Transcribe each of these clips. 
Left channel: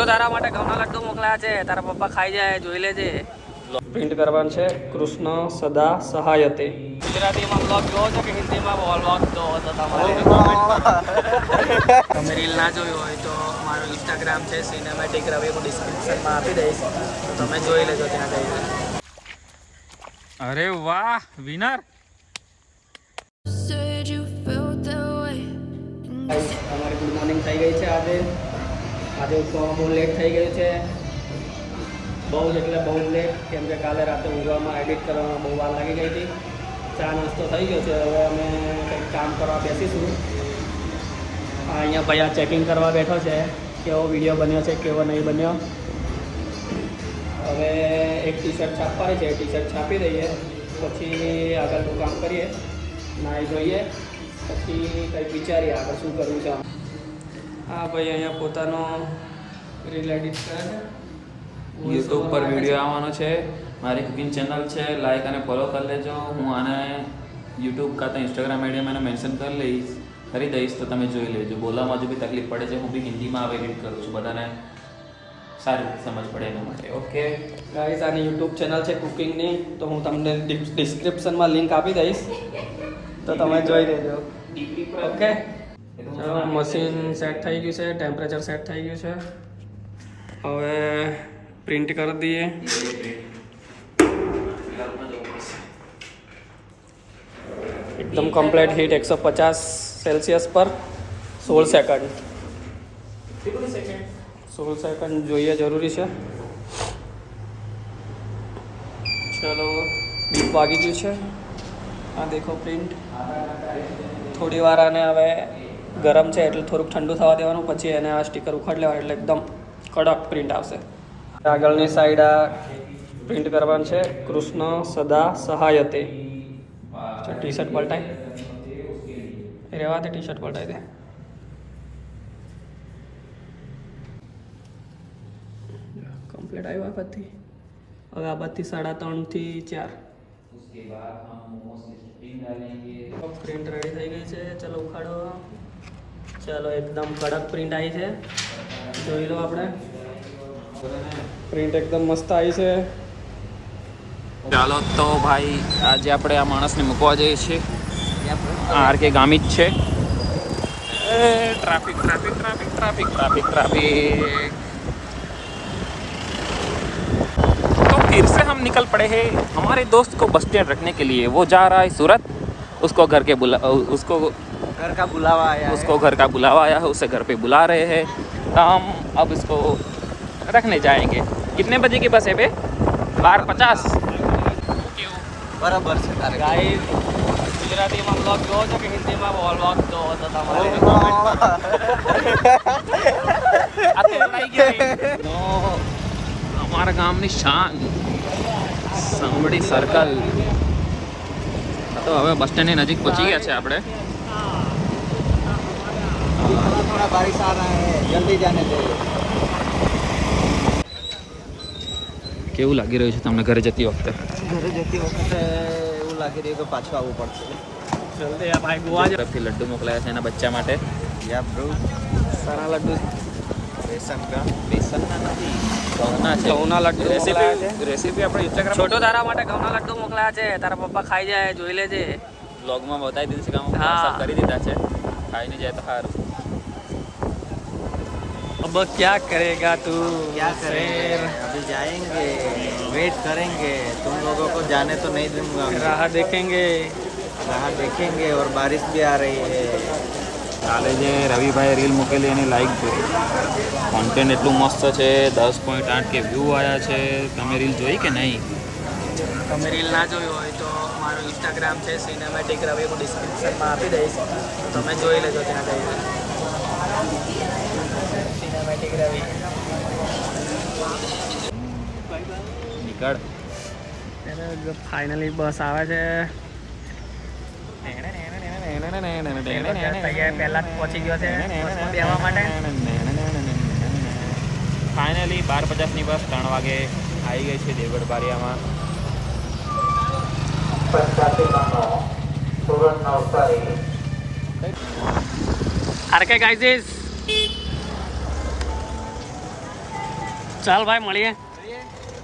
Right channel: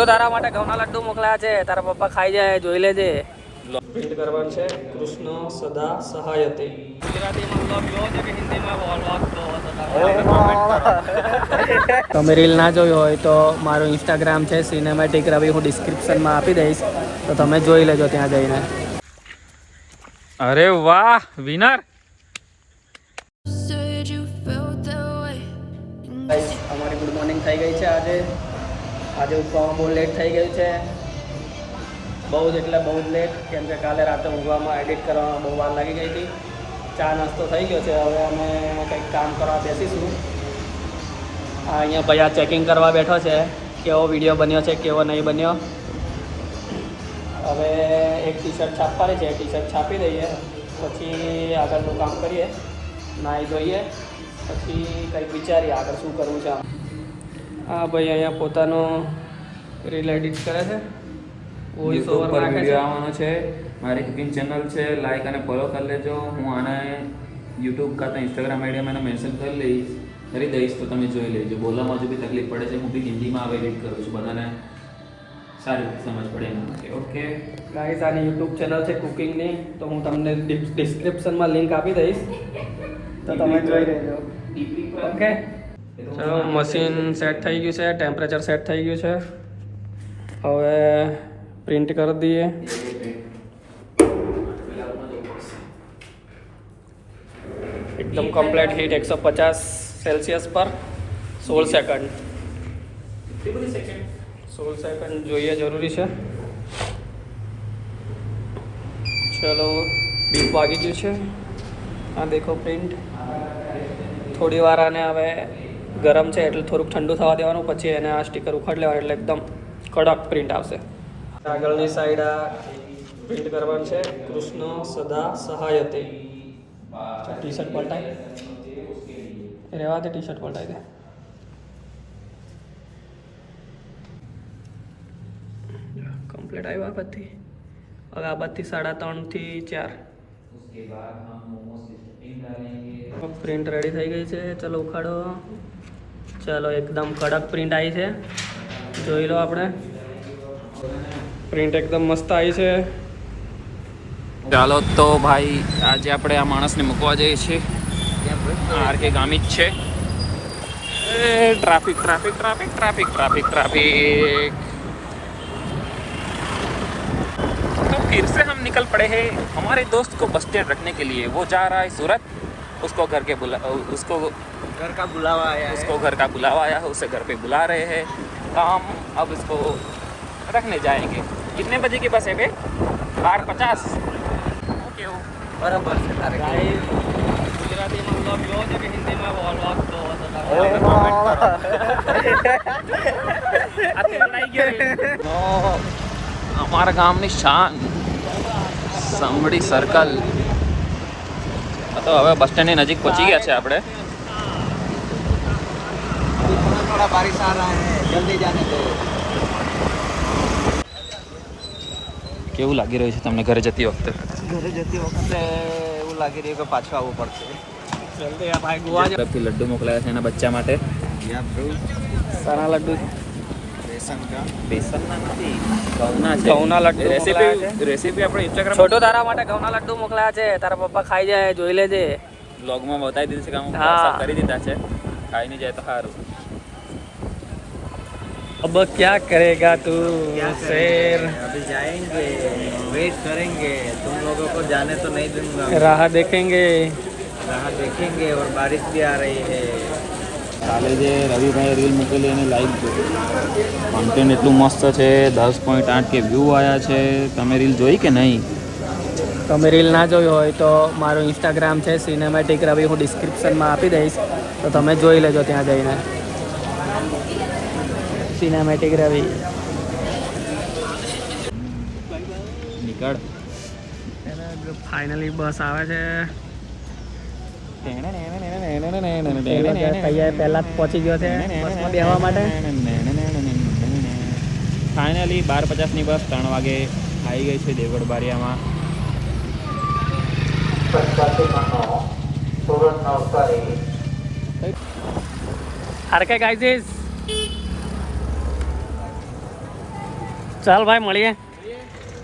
તો તારા માટે ઘઉંના લડ્ડુ મોકલ્યા છે, તારા પપ્પા ખાઈ જાય, જોઈ લેજે. પ્રિન્ટ કરવાનું છે કૃષ્ણ સદા સહાયતે. ગુજરાતીમાં વ્લોગ જોવો છો કે હિન્દીમાં વ્લોગ જોવો છો? તમે રીલ ના જોઈ હોય તો મારું ઇન્સ્ટાગ્રામ છે સિનેમેટિક રવિ, હું ડિસ્ક્રિપ્શનમાં આપી દઈશ, તો તમે જોઈ લેજો ત્યાં જઈને. અરે વાહ વિનર. અમારી ગુડ મોર્નિંગ થઈ ગઈ છે. આજે ઉઠવામાં બહુ લેટ થઈ ગયું છે, બહુ જ એટલે બહુ લેટ, કેમ કે કાલે રાતે ઊંઘવામાં એડિટ કરવામાં બહુ વાર લાગી ગઈ હતી. ચા નાસ્તો થઈ ગયો છે, હવે અમે કંઈક કામ કરવા બેસીશું. અહીંયા ભાઈ આ ચેકિંગ કરવા બેઠો છે, કેવો વિડીયો બન્યો છે, કેવો નહીં બન્યો. હવે એક ટી શર્ટ છાપવાની છે, ટી શર્ટ છાપી દઈએ, પછી આગળનું કામ કરીએ, નાહી જોઈએ, પછી કંઈક વિચારીએ આગળ શું કરવું છે. હા ભાઈ અહીંયા પોતાનો રીલ એડિટ કરે છે. યુટ્યુબ પર વિડીયો આવવાનો છે, મારી કુકિંગ ચેનલ છે, લાઈક અને ફોલો કરી લેજો. હું આને યુટ્યુબ કાં તો ઇન્સ્ટાગ્રામ આઈડીમાં એને મેન્શન કરી દઈશ, તો તમે જોઈ લેજો. બોલવામાં હજુ બી તકલીફ પડે છે, હું બી હિન્દીમાં આવે એડિટ કરું છું, બધાને સારી સમજ પડે એના માટે. ઓકે ગાઈસ, આની યુટ્યુબ ચેનલ છે કુકિંગની, તો હું તમને ડિસ્ક્રિપ્શનમાં લિંક આપી દઈશ, તો તમે જોઈ લેજો. ઓકે ચલો, મશીન સેટ થઈ ગયું છે, ટેમ્પરેચર સેટ થઈ ગયું છે. હવે પ્રિન્ટ કરી દઈએ. એકદમ કમ્પ્લીટ હીટ 150 સેલ્સિયસ પર 16 સેકન્ડ. 16 સેકન્ડ જોઈએ જરૂરી છે. ચલો, બીપ વાગી ગયું છે. આ દેખો પ્રિન્ટ. થોડી વાર આને હવે ગરમ છે એટલે થોડુંક ઠંડુ થવા દેવાનું, પછી એને આ સ્ટીકર ઉખાડી લેવાનું એટલે એકદમ કડક પ્રિન્ટ આવશે. આગળની સાઈડ આ પ્રિન્ટ કરવાનું છે કૃષ્ણ સદા સહાયતે. ટી શર્ટ પલટાય રહેવા દે, ટી શર્ટ પલટાઈ દે. કમ્પ્લીટ આવ્યું આ બાજથી. હવે આ બાજથી 3.5 થી 4 પ્રિન્ટ રેડી થઈ ગઈ છે. ચલો ઉખાડો. ચલો, એકદમ કડક પ્રિન્ટ આવી છે, જોઈ લો. આપણે પ્રિન્ટ એકદમ મસ્ત આવી છે. ચાલો તો ભાઈ, આજે આપણે આ માણસને મૂકવા જઈએ છીએ. આરકે ગામી જ છે. Traffic traffic traffic traffic traffic traffic तो फिर से हम निकल पड़े हैं हमारे दोस्त को बस स्टैंड रखने के लिए. वो जा रहा है सूरत, उसको घर का बुलावा आया है, उसे घर पे बुला रहे हैं. हम अब इसको रखने जाएंगे. कितने बजे की बस है बे? 12:50. ओके हो બરાબર છે. ગુજરાતીમાં વ્લોગ જોવો છો કે હિન્દીમાં વ્લોગ જોવો છો? આ તોતરાઈ ગયો. અમારા ગામની શાન સાંભળી સર્કલ. તો હવે બસ સ્ટેન્ડની નજીક પહોંચી ગયા છે આપણે. થોડા બારિશ આ રહા હે, જલ્દી જાને चाहिए. કેવું લાગી રહ્યું છે તમને ઘરે જતી વખતે? એવું લાગી રહ્યું કે પાછું આવવું પડશે. જલ્દી આ ભાઈ ગોવા તરફથી લડ્ડુ મોકલાયા છે એના બચ્ચા માટે. સારા લડ્ડુ બેસન ઘઉંના લડ્ડુ. રેસીપી આપણે ઇન્સ્ટાગ્રામ છોટો તારા માટે ઘઉંના લડ્ડુ મોકલ્યા છે, તારા પપ્પા ખાઈ જાય, જોઈ લેજે. બ્લોગમાં બતાવી દીધું છે કે અમે હા. કરી દીધા છે, ખાઈને જાય તો સારું. अब क्या करेगा तू शेर? अभी जाएंगे, वेट करेंगे. तुम लोगों को जाने तो नहीं दूंगा. राह देखेंगे. राह देखेंगे और बारिश भी आ रही है. કાલે જે રવિભાઈ રીલ મૂકેલી એની લાઈક જો, કોન્ટેન્ટ એટલું મસ્ત છે. 10.8 કે વ્યૂ આવ્યા છે. તમે રીલ જોઈ કે નહીં? તમે રીલ ના જોઈ હોય તો મારું ઇન્સ્ટાગ્રામ છે સિનેમેટિક રવિ, હું ડિસ્ક્રિપ્શનમાં આપી દઈશ, તો તમે જોઈ લેજો ત્યાં જઈને. સિનેમેટિક રવિ. નીકળ. ફાઇનલી બસ આવે છે. તૈયાર પહેલા જ પહોંચી ગયો છે બેસવા માટે. ફાઇનલી 12:50ની બસ 3 વાગે આવી ગઈ છે દેવગઢ બારિયામાં. આરકે ગાઈઝ ચાલ ભાઈ મળીએ.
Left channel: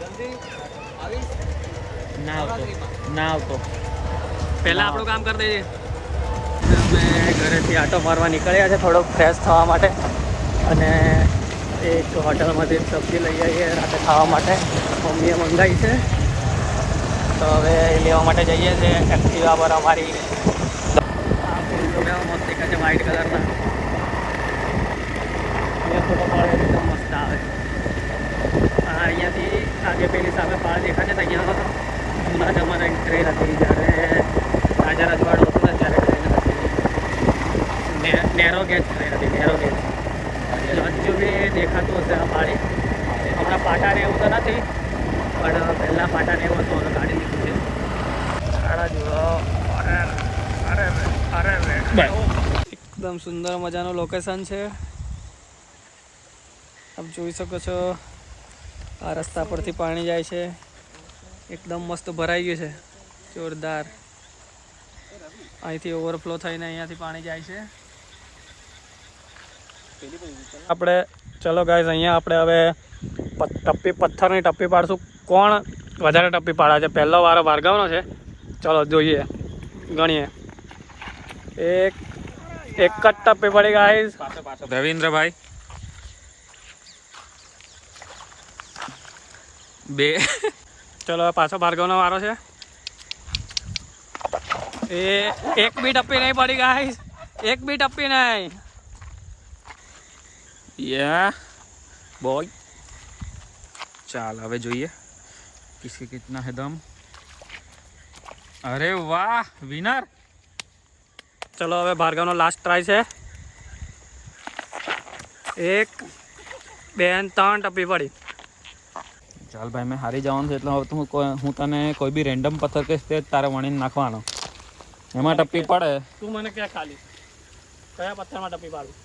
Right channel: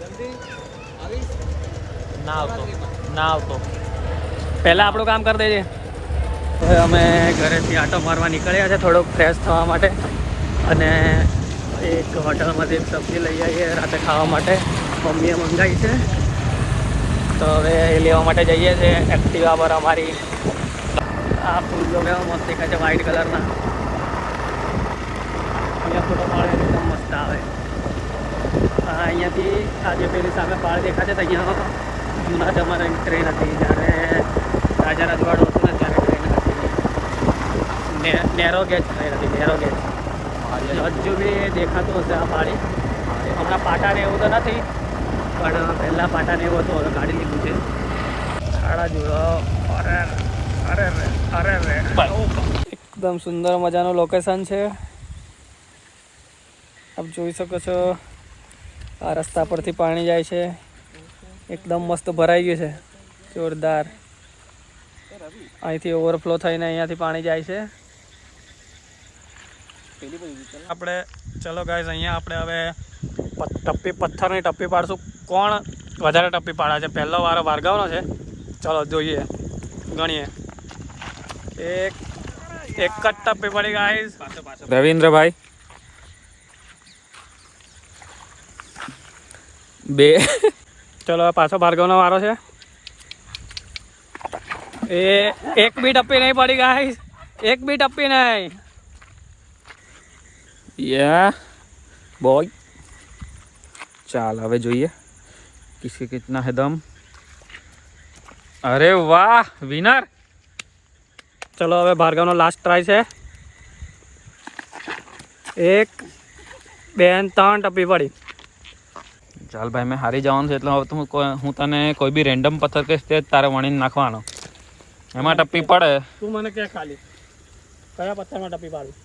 જલ્દી આવીશ ના નવરાત્રીમાં. ના આવતો, પહેલાં આપણું કામ કરી દેજે. અમે ઘરેથી આટો મારવા નીકળ્યા છે થોડોક ફ્રેશ થવા માટે, અને એક હોટલમાંથી સબ્જી લઈ આવીએ રાતે ખાવા માટે. મમ્મીએ મંગાવી છે, તો હવે એ લેવા માટે જઈએ છીએ. એક્ટિવા પર અમારી આ ફૂલ મસ્ત દેખાય છે વ્હાઈટ કલરના. અહીંયા ફોટો પાડે એકદમ મસ્ત આવે. હા, અહીંયાથી આજે પેલી સામે પાળ દેખાય છે, તો અહીંયા જૂના જમાનાની ટ્રેન હતી, જ્યારે રાજા રજવાડું હતું ને ત્યારે ટ્રેન હતી. નેરો ગેજ ટ્રેન હતી, નેરો ગેજ. હજુ બી દેખાતો હશે આ પાળી. હમણાં પાટાને એવું તો નથી, પણ પહેલાં પાટાને એવું હતું, હવે કાઢી લીધું છે. એકદમ સુંદર મજાનું લોકેશન છે. આપ જોઈ શકો છો, આ રસ્તા પરથી પાણી જાય છે. એકદમ મસ્ત ભરાઈ ગયું છે, જોરદાર. અહીંથી ઓવરફ્લો થઈને અહીંયાથી પાણી જાય છે. આપણે ચલો ગાઈઝ, અહીંયા આપણે હવે પથ્થરની ટપ્પી પાડશું. કોણ વધારે ટપ્પી પાડે છે? પહેલો વારો ભાર્ગવનો છે. ચલો જોઈએ, ગણીએ. એક જ ટપ્પી પડી ગાઈઝ. રવિન્દ્રભાઈ 2. ચલો પાછો ભાર્ગવનો વારો છે. એક બી ટપ્પી નહીં પડી ગાઈઝ, એક બી ટપ્પી નહીં. યા બોય, ચાલ હવે જોઈએ કિસકે કિતના હે દમ. અરે વાહ, વિનર. ચલો હવે ભાર્ગવનો લાસ્ટ ટ્રાય છે. 1 2 3 ટપ્પી પડી. ચાલ ભાઈ, મેં હારી જવાનું છે, એટલે હવે તો હું તને કોઈ બી રેન્ડમ પથ્થર કહીશ તે તારે વણીને નાખવાનો. એમાં ટપ્પી પડે. તું મને ક્યાં ખાલી કયા પથ્થરમાં ટપ્પી પાડું?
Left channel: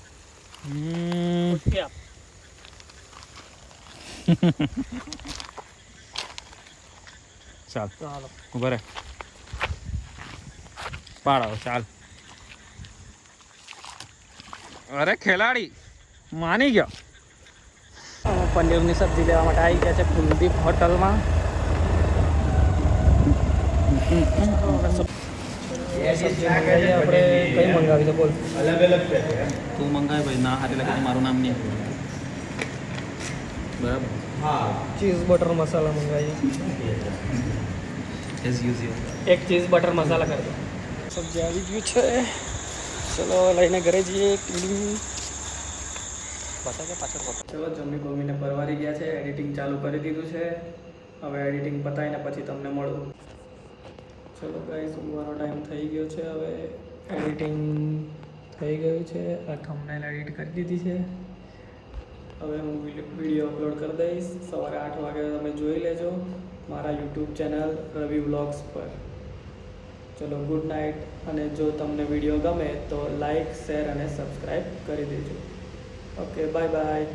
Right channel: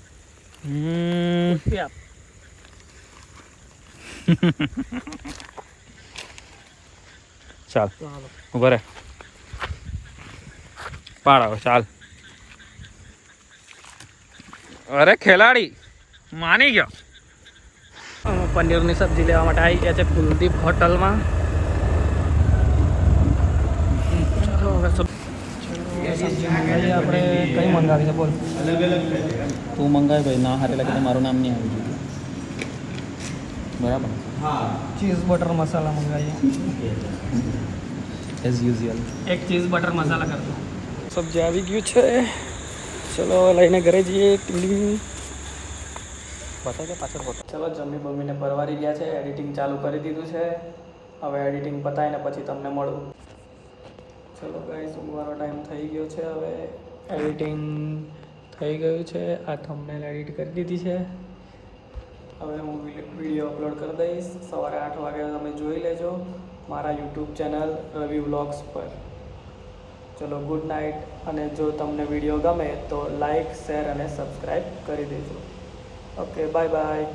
ચાલ ચાલો ઉભા રે, પાડ. ચાલ. અરે ખેલાડી માની ગયો. અમે પનીરની સબ્જી લેવા માટે આવી ગયા છે કુલદીપ હોટલમાં. આપણે કઈ મંગાવી છે બોલ? તું મંગાય ભાઈ, ના હારે લાગે મારું નામ નહીં આવે. બરાબર. ચીઝ બટર મસાલા મંગાવીએ. As usual. એક ચીઝ બટર મસાલા કરી દો. સબ્જી આવી ગયું છે, ચલો હવે લઈને ઘરે જઈએ. ચલો જમી બમીને પરવારી ગયા છે, એડિટિંગ ચાલુ કરી દીધું છે. હવે એડિટિંગ પતાવીને પછી તમને મળું. ચલો ગાઈસ, ઊંઘવાનો ટાઈમ થઈ ગયો છે. હવે એડિટિંગ થઈ ગયું છે. આ થંબનેલ એડિટ કરી દીધી છે. હવે હું વિડીયો અપલોડ કરી દઈશ. સવારે 8 વાગે તમે જોઈ લેજો મારા યુટ્યુબ ચેનલ રવિ વ્લોગ્સ પર. ચલો ગુડ નાઇટ. અને જો તમને વિડીયો ગમે તો લાઈક, શેર અને સબસ્ક્રાઈબ કરી દેજો. Okay, bye bye.